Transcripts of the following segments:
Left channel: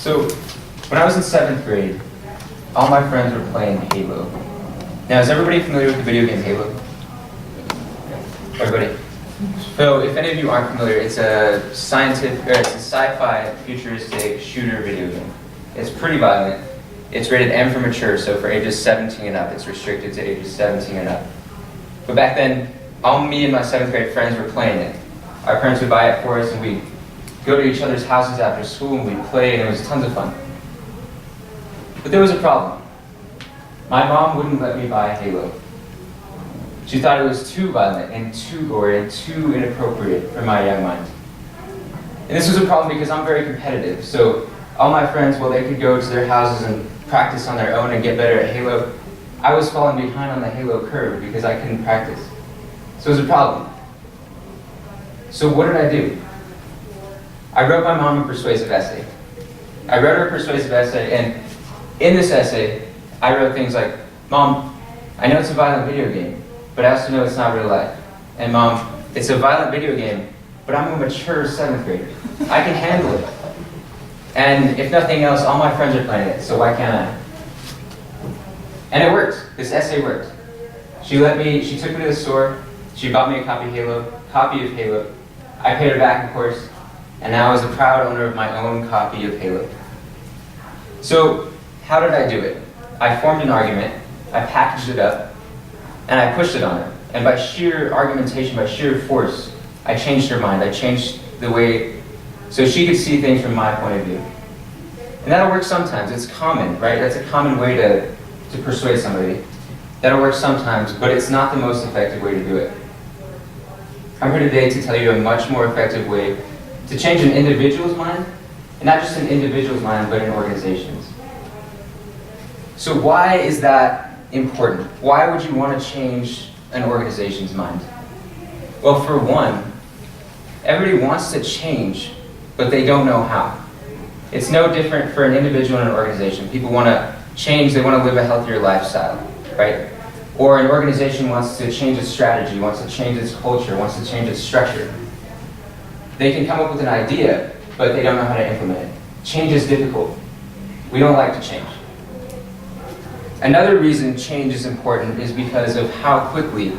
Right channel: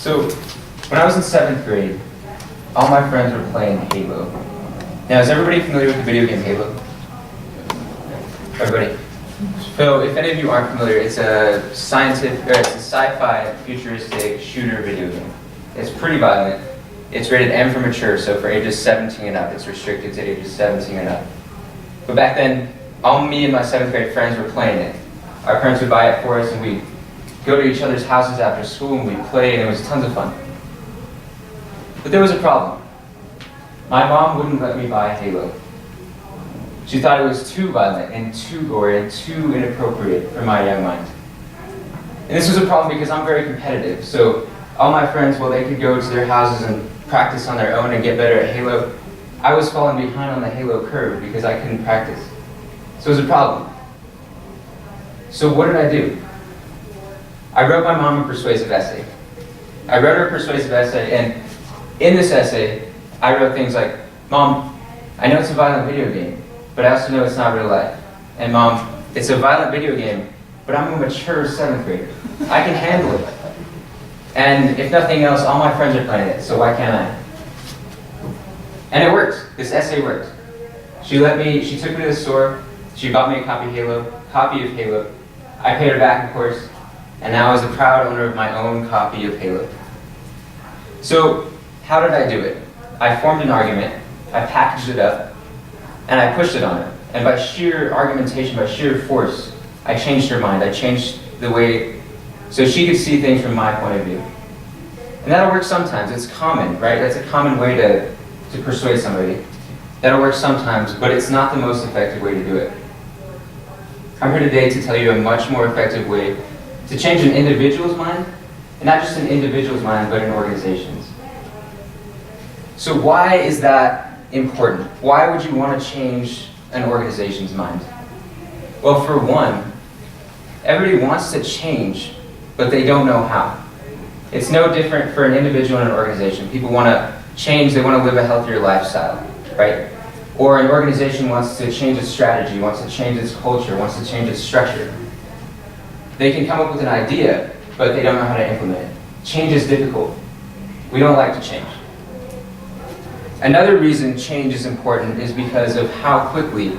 So, when I was in 7th grade, all my friends were playing Halo. Now, is everybody familiar with the video game Halo? Everybody? So, if any of you aren't familiar, it's a sci-fi futuristic shooter video game. It's pretty violent. It's rated M for mature, so for ages 17 and up. It's restricted to ages 17 and up. But back then, all me and my 7th grade friends were playing it. Our parents would buy it for us, and we'd go to each other's houses after school, and we'd play, and it was tons of fun. But there was a problem. My mom wouldn't let me buy Halo. She thought it was too violent and too gory and too inappropriate for my young mind. And this was a problem because I'm very competitive. So all my friends, while they could go to their houses and practice on their own and get better at Halo, I was falling behind on the Halo curve because I couldn't practice. So it was a problem. So what did I do? I wrote my mom a persuasive essay. I wrote her a persuasive essay, and in this essay, I wrote things like, "Mom, I know it's a violent video game, but I also know it's not real life. And Mom, it's a violent video game, but I'm a mature 7th grader. I can handle it. And if nothing else, all my friends are playing it, so why can't I?" And it worked. This essay worked. She took me to the store, she bought me a copy of Halo. I paid her back, of course, and now I was the proud owner of my own copy of Halo. So, how did I do it? I formed an argument, I packaged it up, and I pushed it on her. And by sheer argumentation, by sheer force, I changed her mind. I changed the way, so she could see things from my point of view. And that'll work sometimes. It's common, right? That's a common way to persuade somebody. That'll work sometimes, but it's not the most effective way to do it. I'm here today to tell you a much more effective way to change an individual's mind, and not just an individual's mind, but an organization's. So why is that important? Why would you want to change an organization's mind? Well, for one, everybody wants to change, but they don't know how. It's no different for an individual and an organization. People want to change, they want to live a healthier lifestyle, right? Or an organization wants to change its strategy, wants to change its culture, wants to change its structure. They can come up with an idea, but they don't know how to implement it. Change is difficult. We don't like to change. Another reason change is important is because of how quickly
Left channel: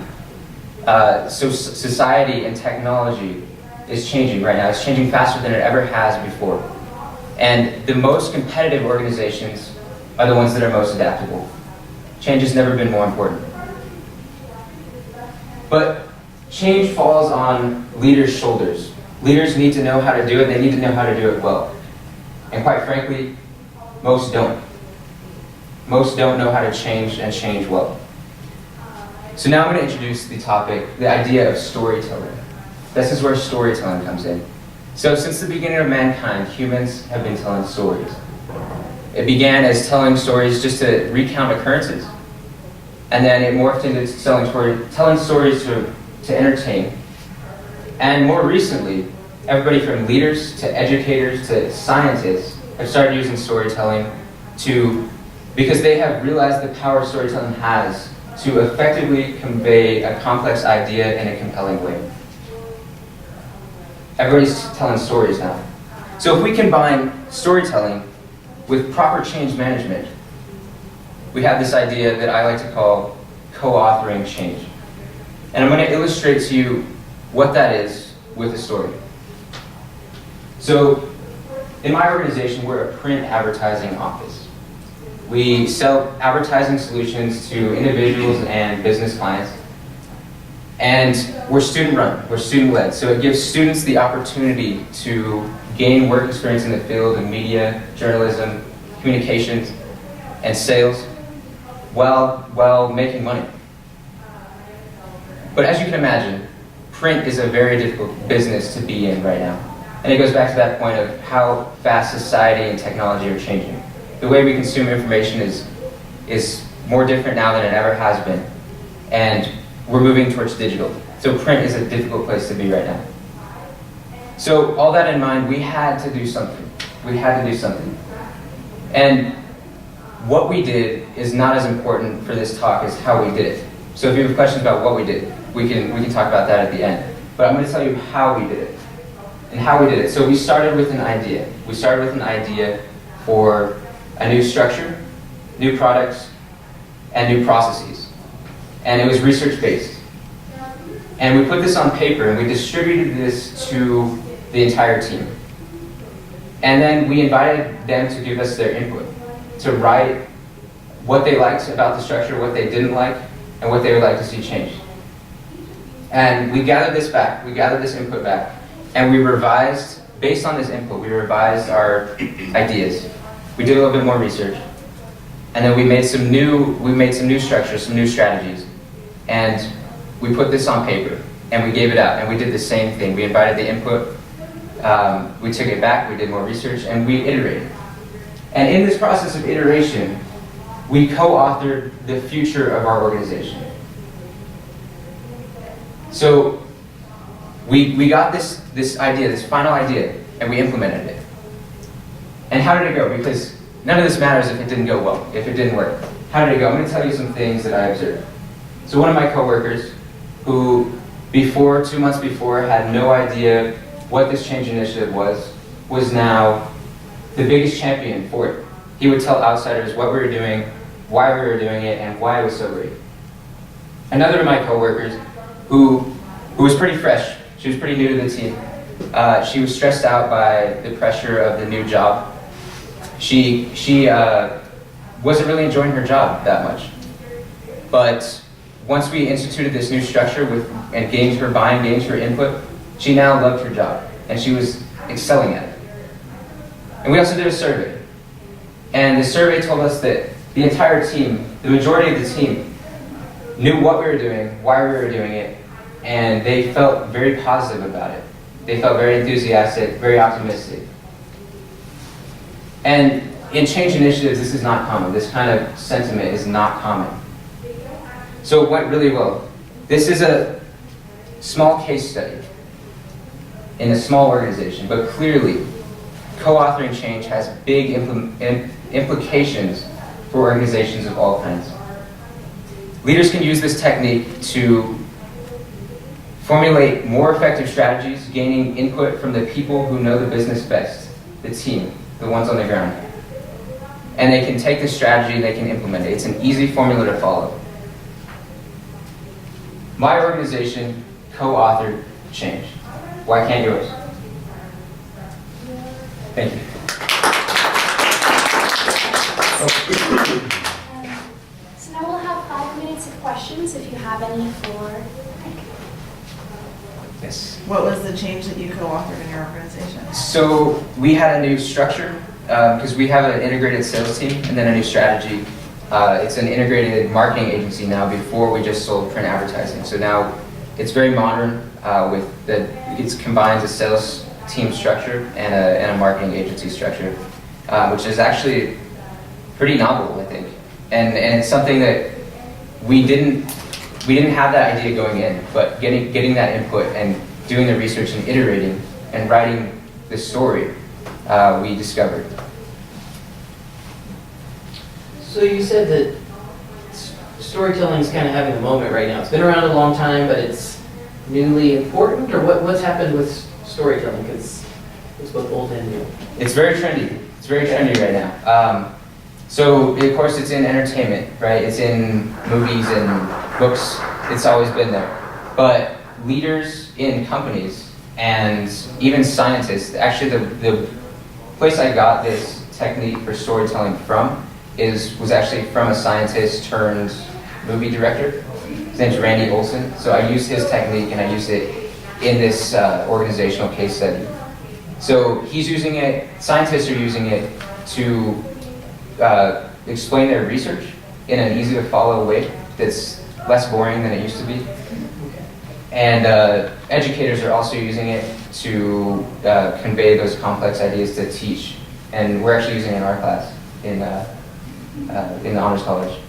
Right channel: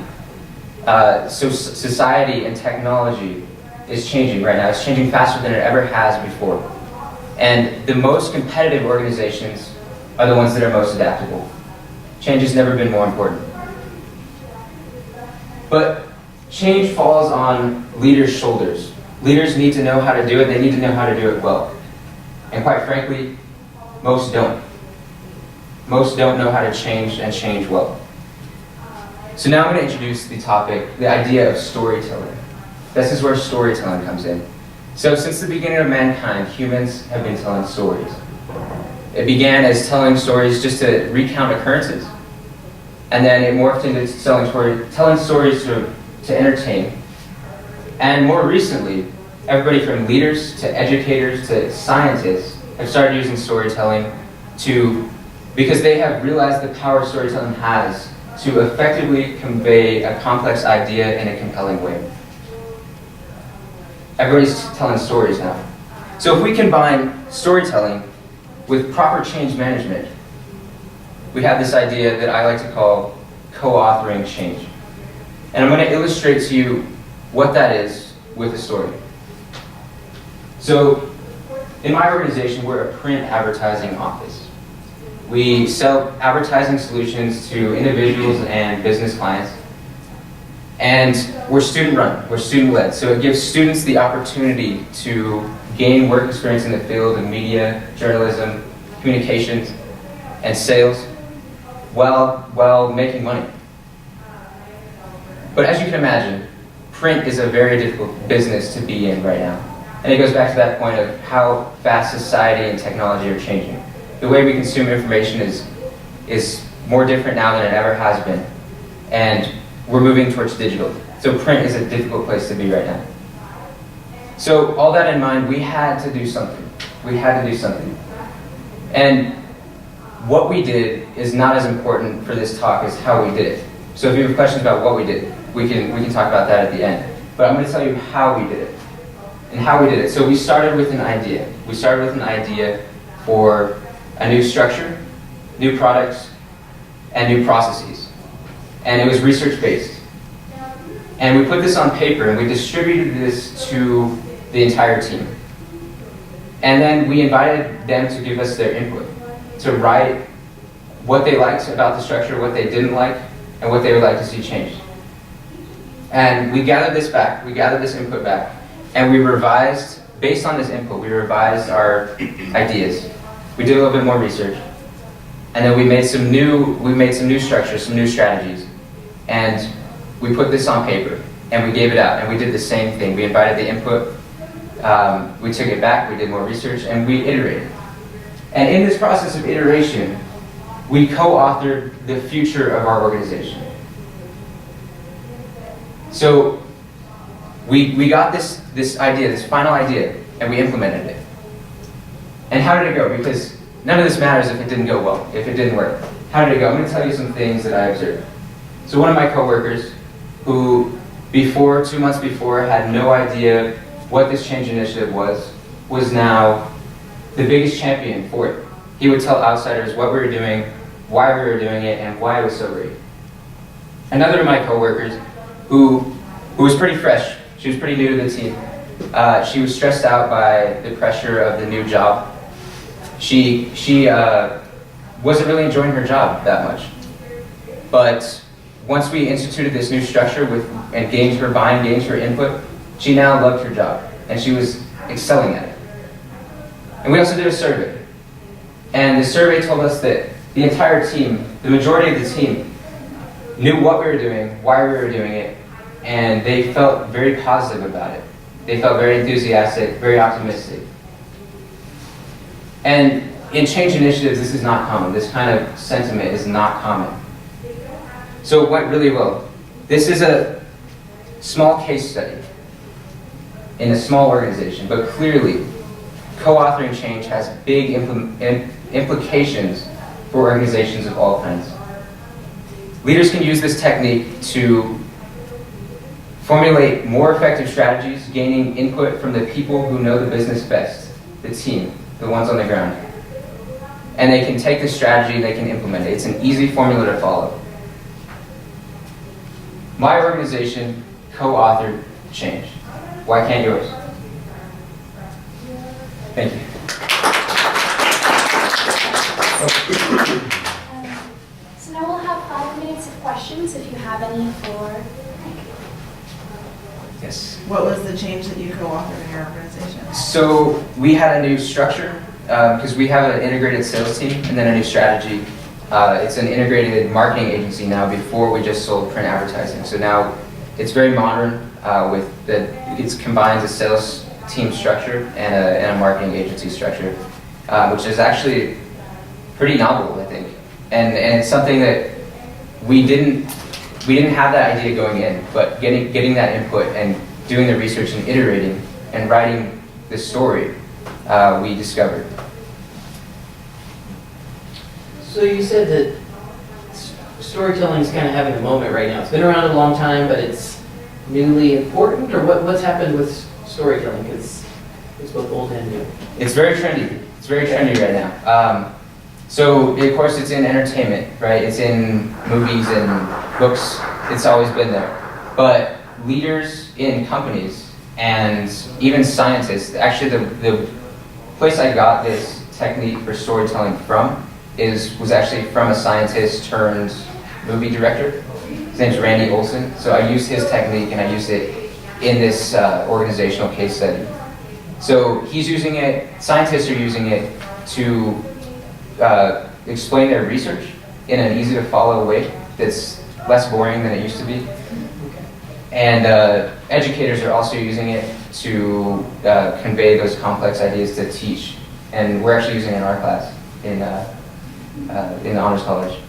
society and technology is changing right now. It's changing faster than it ever has before. And the most competitive organizations are the ones that are most adaptable. Change has never been more important. But change falls on leaders' shoulders. Leaders need to know how to do it. They need to know how to do it well. And quite frankly, most don't. Most don't know how to change and change well. So now I'm going to introduce the topic, the idea of storytelling. This is where storytelling comes in. So since the beginning of mankind, humans have been telling stories. It began as telling stories just to recount occurrences. And then it morphed into telling stories to entertain. And more recently, everybody from leaders to educators to scientists have started using storytelling because they have realized the power storytelling has to effectively convey a complex idea in a compelling way. Everybody's telling stories now. So if we combine storytelling with proper change management, we have this idea that I like to call co-authoring change. And I'm going to illustrate to you what that is with a story. So in my organization, we're a print advertising office. We sell advertising solutions to individuals and business clients. And we're student-run, we're student-led, so it gives students the opportunity to gain work experience in the field of media, journalism, communications, and sales while making money. But as you can imagine, print is a very difficult business to be in right now. And it goes back to that point of how fast society and technology are changing. The way we consume information is more different now than it ever has been. And we're moving towards digital. So print is a difficult place to be right now. So all that in mind, we had to do something. We had to do something. And what we did is not as important for this talk as how we did it. So if you have questions about what we did, we can talk about that at the end. But I'm going to tell you how we did it. And how we did it. So we started with an idea. We started with an idea for a new structure, new products, and new processes. And it was research-based. And we put this on paper and we distributed this to the entire team. And then we invited them to give us their input, to write what they liked about the structure, what they didn't like, and what they would like to see changed. And we gathered this back, we gathered this input back, and we revised, based on this input, we revised our ideas. We did a little bit more research, and then we made some new structures, some new strategies, and we put this on paper, and we gave it out, and we did the same thing. We invited the input, we took it back, we did more research, and we iterated. And in this process of iteration, we co-authored the future of our organization. So we got this idea, this final idea, and we implemented it. And how did it go? Because none of this matters if it didn't go well, if it didn't work. How did it go? I'm going to tell you some things that I observed. So one of my coworkers, who 2 months before had no idea what this change initiative was now the biggest champion for it. He would tell outsiders what we were doing, why we were doing it, and why it was so great. Another of my coworkers, who was pretty fresh, she was pretty new to the team. She was stressed out by the pressure of the new job. She wasn't really enjoying her job that much. But once we instituted this new structure and gained her buy-in, gained her input, she now loved her job, and she was excelling at it. And we also did a survey. And the survey told us that the entire team, the majority of the team, knew what we were doing, why we were doing it, and they felt very positive about it. They felt very enthusiastic, very optimistic. And in change initiatives, this is not common. This kind of sentiment is not common. So it went really well. This is a small case study in a small organization, but clearly, co-authoring change has big implications for organizations of all kinds. Leaders can use this technique to formulate more effective strategies, gaining input from the people who know the business best, the team, the ones on the ground. And they can take the strategy and they can implement it. It's an easy formula to follow. My organization co-authored change. Why can't yours? Thank you. So now we'll have 5 minutes of questions if you have any for Mike. Yes. What was the change that you co-authored in your organization? So we had a new structure because we have an integrated sales team and then a new strategy. It's an integrated marketing agency now. Before we just sold print advertising. So now it's very modern it combines a sales team structure and a marketing agency structure, which is actually pretty novel, I think. And it's something that we didn't have that idea going in, but getting that input and doing the research and iterating and writing the story, we discovered. So you said that storytelling is kind of having a moment right now. It's been around a long time, but it's newly important, or what's happened with storytelling? Because it's both old and new. It's very trendy. It's very trendy right now. So of course it's in entertainment, right? It's in movies and books. It's always been there. But leaders in companies and even scientists, actually the place I got this technique for storytelling from was actually from a scientist turned movie director. His name's Randy Olson. So I used his technique and I used it in this organizational case study. So he's using it, scientists are using it to explain their research in an easy to follow way that's less boring than it used to be. And educators are also using it to convey those complex ideas to teach. And we're actually using it in our class in the Honors College.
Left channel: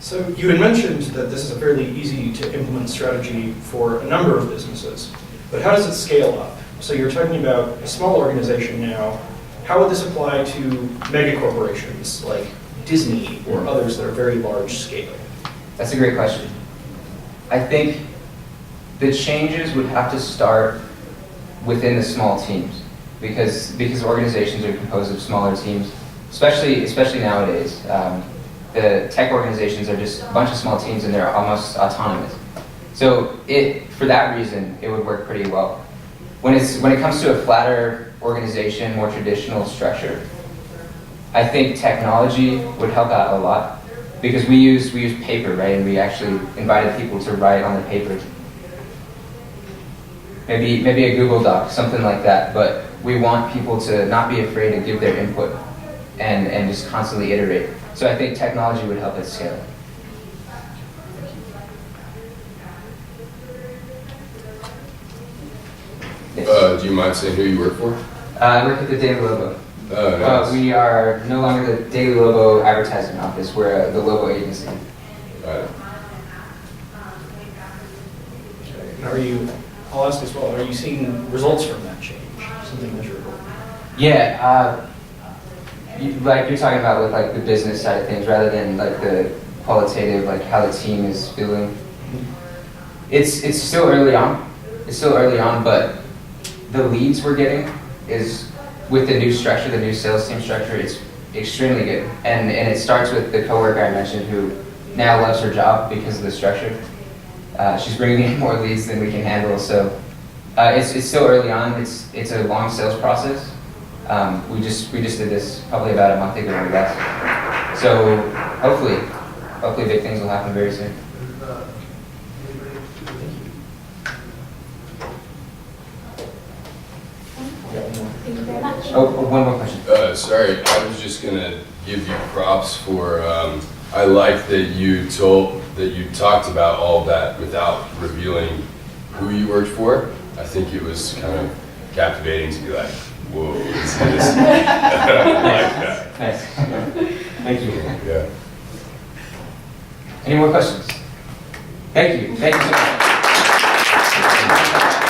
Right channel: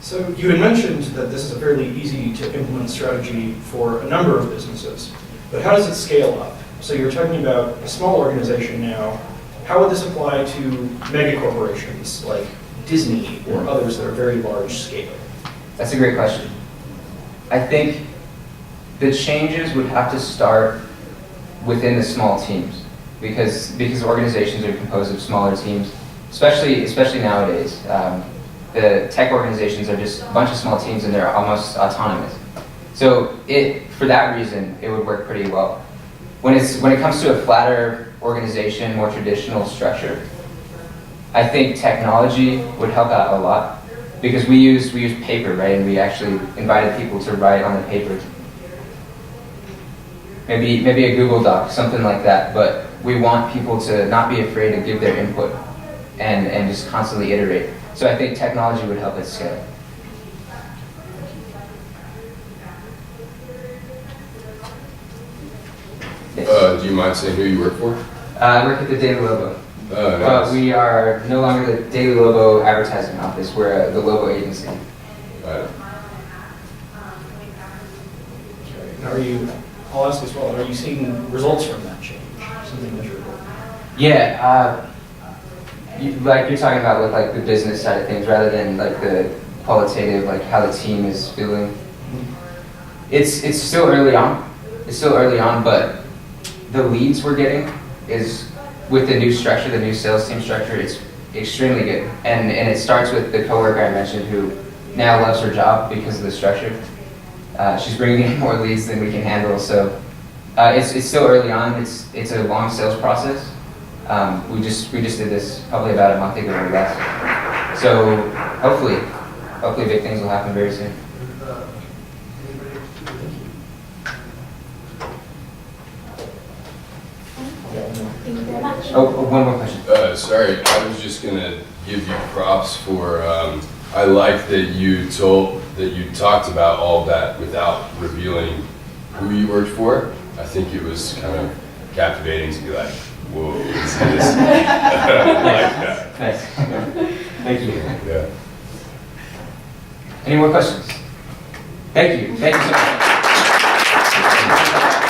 So you had mentioned that this is a fairly easy to implement strategy for a number of businesses, but how does it scale up? So you're talking about a small organization now. How would this apply to mega corporations like Disney or others that are very large scale? That's a great question. I think the changes would have to start within the small teams. because organizations are composed of smaller teams, especially nowadays. The tech organizations are just a bunch of small teams and they're almost autonomous. So for that reason, it would work pretty well. When it comes to a flatter organization, more traditional structure, I think technology would help out a lot because we use paper, right? And we actually invited people to write on the paper. Maybe a Google Doc, something like that. But we want people to not be afraid to give their input and just constantly iterate. So I think technology would help us scale. Yes. Do you mind saying who you work for? I work at the Daily Lobo. Oh, nice. We are no longer the Daily Lobo advertising office. We're the Lobo agency. Got it. Okay. And I'll ask as well, are you seeing results from that change? Something measurable? Yeah, like you're talking about with like the business side of things rather than like the qualitative, like how the team is feeling. It's still early on. It's still early on, but the leads we're getting is with the new structure, the new sales team structure, it's extremely good. And it starts with the coworker I mentioned who now loves her job because of the structure. She's bringing in more leads than we can handle, so it's still early on. It's a long sales process. We just did this probably about a month ago or less. So hopefully big things will happen very soon. Thank you very much. Oh, one more question. Sorry, I was just gonna give you props for. I like that you talked about all that without revealing who you worked for. I think it was kind of captivating to be like, whoa, is this? I like that. Nice. Thank you. Yeah. Any more questions? Thank you. Thank you so much.